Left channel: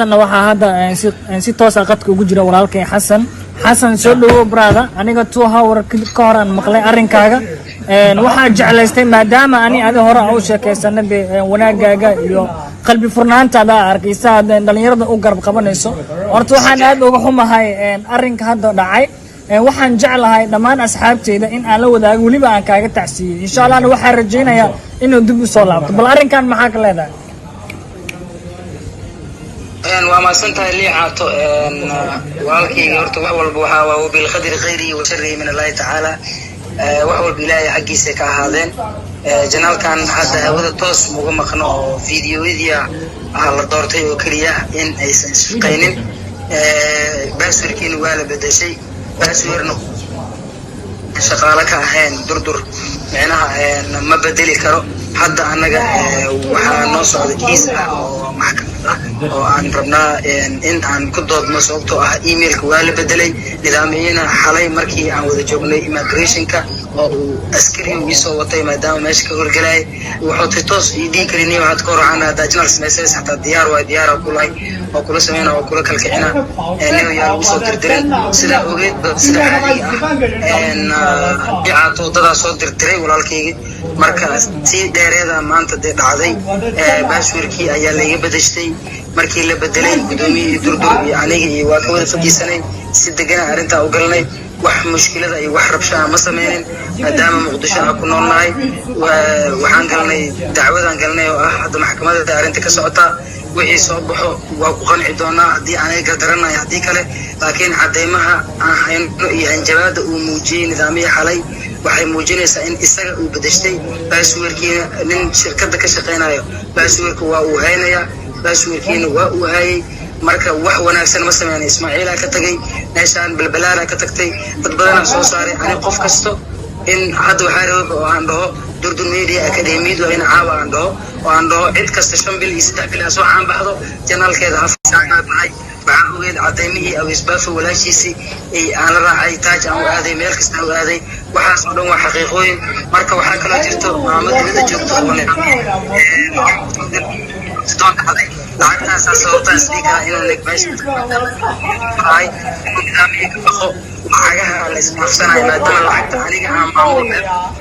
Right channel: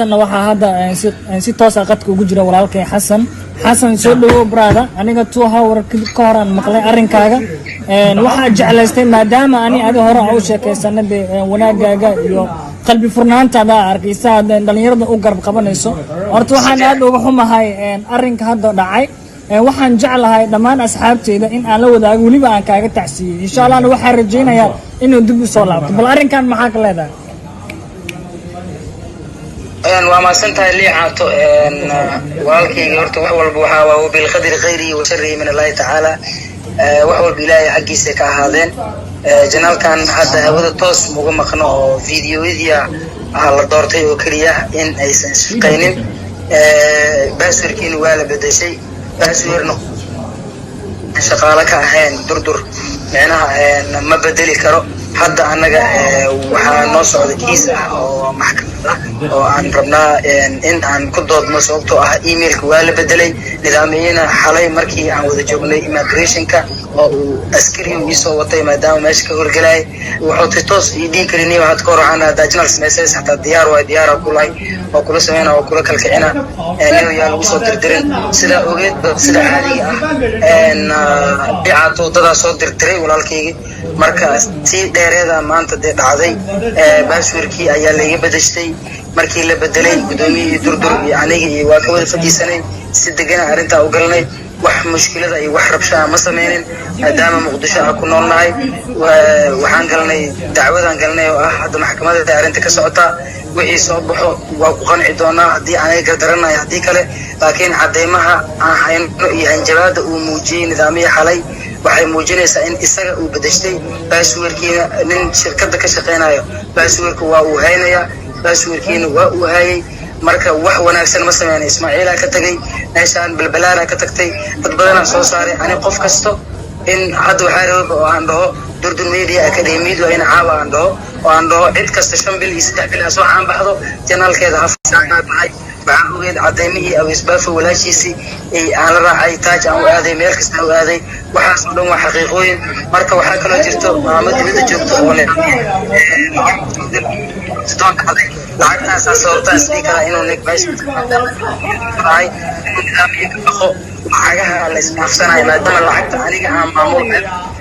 أنا وحده نسيت توصل قدك وجرا ورالك حسن شو برادا أنا قلت له وركل كهرن مقلي أرين كاغا وحاج على استي ما دام أنا هورا عوشة كسنة وناجا يو قلبي فرنان تدا أركيسا دلنيرد أوجر قبنيسو أرتوحنا هذا وهم هاي أرين كهذا داعي waxaan jeclahay dhamaan asxaabteeda in aan la wadaago waliba aan kaaga tacsiyo insha Allah waxaan rajeynayaa inuu dib u soo laabto bal arinkan maxaa ka leedahay waa ma santahay liicaato walaalkayga horta wax walba waxa waa bil qadri khayri wa sharri min Allah ta'ala wax walba ilaahay xaqiisa ka ahaadeen janaalkan hadda hawada toos uga maqno oo fiidiyoyada la doortay oo kaliya in aysan shaqeynin basarkiin waa la bedeshay أسيرنا شغالك أهين دردر أنا ما بدلي كرو حتى أنا وحنوصل الكيس أو محكمة أو عن ربنا إن عن كدود مسؤولته إيميل كوالي بدلي نظامينا حالي مركي عن وذا جوبني إميجريشن كا أو أسكري ويصوتي ما دام ماشي كهول جلاي وحط توس يدين كريني وحد كور عنا داجنال سمسيس حتى الديار وديار كلها وكل سمينا وكل كلكعنا نيو يالو صوت الدرين سلا أريد سلا حالي إن بيعطوا ترى صوت الدرين walaalkayga marka si dheereeda maanta dhacday baashwirkii ayaa laga bedeshay markii la bedelay gudoomiyii durdur iyo aniga iyo waa ka wada fadhiisanay si degan arinta u galnay wax mushkilada iyo wax rabshaha ma sameeyeen maadaama muqdisho aan ku noolnahay waxaan galnay dacwadan galnay oo ah hadda maxkamadda arinta ka socota wixii soo baxo waa ku qanci doonaa haddii aanay gardaranahay haddii kale laakiin cadeymaha aan hayno iyo hanjabaada uu muujiyey nidaamyada xalay waxay muujinaysaa in isaga uu bedeshay baashwirkiina nin shirkadda ka shaqeynayo baashwirku waa uu haynaya baashwirkiina waa uu hayay marka wax wanaagsan ma sameeyay Ismaaciil ka tagay meeshaan balbalaara ka tagtay dad badan soo saaray ani qof kasto in hadda waxay rabaa oo aan dhaho durdur media academy waa in caawa aan dhaho cid kasta 5 bil iyo 3 bil soo caan baxdo janaalkeeda hafsaaqaad maxay baan ogeed cadeymihii aw isbaafo walaashiisi ay aan la raacay taaj aan aaday meel kasta oo aaday waxaas oo dhan waa xaqiiqooyin marka waxa kala jirto maamulada joogto oo leh lacagtaas sababta speaker inuu nig baash ay waxaagaha la isdhaafsanay maadaama lacagta aniga aan maamul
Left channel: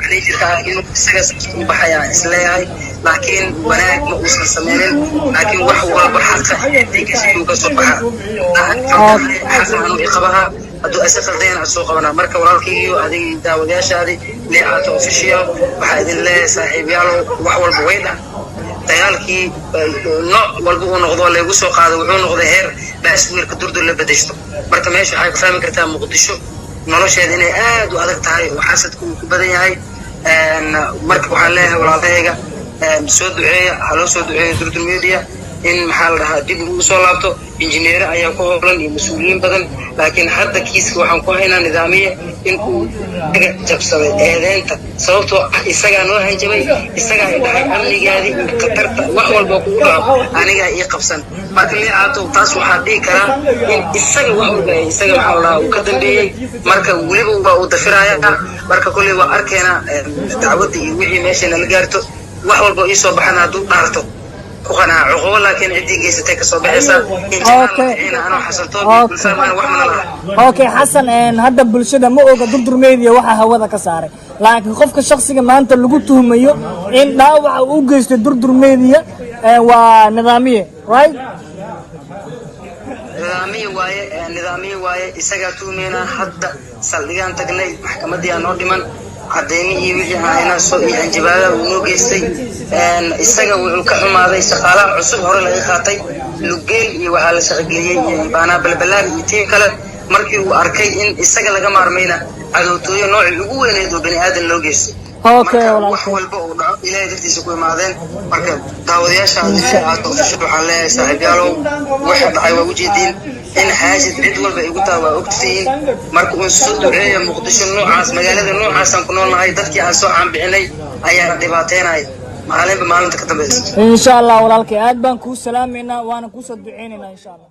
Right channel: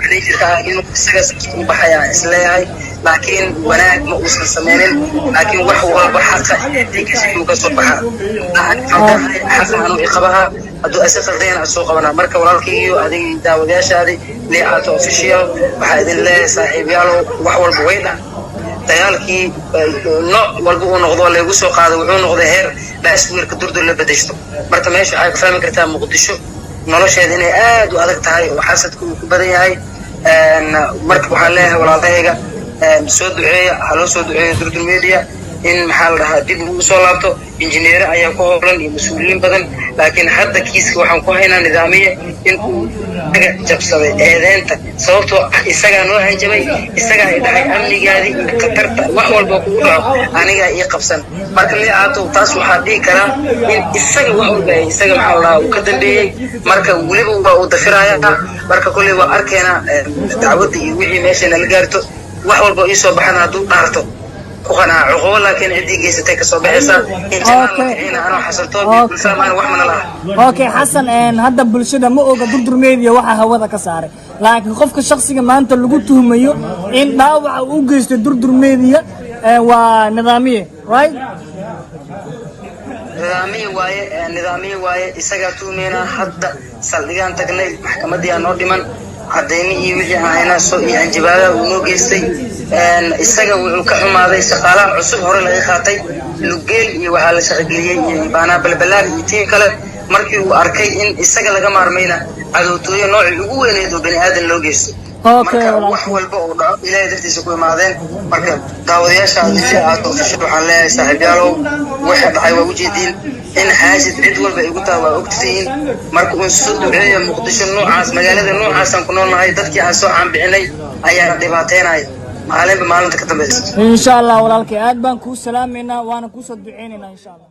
xiriirka inuu isaga u baxaya isleeyahay laakiin wanaag ma uusan sameynin laakiin wax walba xaqa uu ka soo baxa xasan iqabaha haduu asaseen soo qabana marka walaalkaygu adiga daawadayaashaadi liicaato official waxa idin leeyahay saaxiibayaal wax walba weyna dagaalkii nooc walba uu noqdo lagu soo qaado wuxuu noqday heer baashwirka durdur la bedeysto marka meesha ay fahmi kartaa muqdisho nolosheeda inay aad u adag tahay oo xasadku ku badan yahay marka waxaan leeyahay walaalahayga soo duceeya halo soo duceeya durdur media in maxal dhahaa dib ugu soo laabto injineer ayaa ku howlan iyo mas'uuliyiin badan laakiin hadda kiiska waxaan ku haynaa nidaamiye in uu jabsaday eedeenta sababtoo isaga noo hanjabay isaga ay dhahay amnigaadi qatarta wax walba ku dhaco aniga iyo qabsan marka liicaato taas waxa dhigi kara in isaga wax walba isaga maxal dhahaa uu ka dambeeyay marka waliba waa uu dafiraya marka kulli waa arkeena dacwada iyo wixii meesha la gaarto wax walba ii soo baxana haduu dhaarto وأنا عقول لكن عندي جيسة كسب حسن. أوكي حسن هذا بالشدة مو قدر ميديا واحد هذا كساره لكن خوفك الشخصي ما أنت اللي قلته مية إن لا وجست قدر ميديا ونظامية right؟ نظامي واي إسقاطو منا حتى سليان تقني محكمة دي نودمان عديمي وجه هنا سوء انجباله ونوجستي ان isaga wuxuu ka xumaaday shaqaalaha cusub hore laga qaatay lugeel iyo waxa la shaqeeyay baana balbalaad tiin kale markii uu arkay in isaga laga maarmayna adootoyo nooc ugu weyneed oo bani aadan loo geystay wax walba oo dhaco ilaahay dartiisa ku imaadeen marka daawadayaasha aad oo waxaan leeyahay saaxiibayaalow waxa dhacay waa ujeedin in xaajid cid walba igu taa waa ogtiin marka uu soo duceeyo muqdisho noocaas magaalada noocaas aan ku noolnahay dadkii aan soo caan bixinay ayaa dhibaateynay maalinba maalinta ka dambaysa insha Allah walaalkay aad baan ku salaameynaa waana ku soo duceynayna insha Allah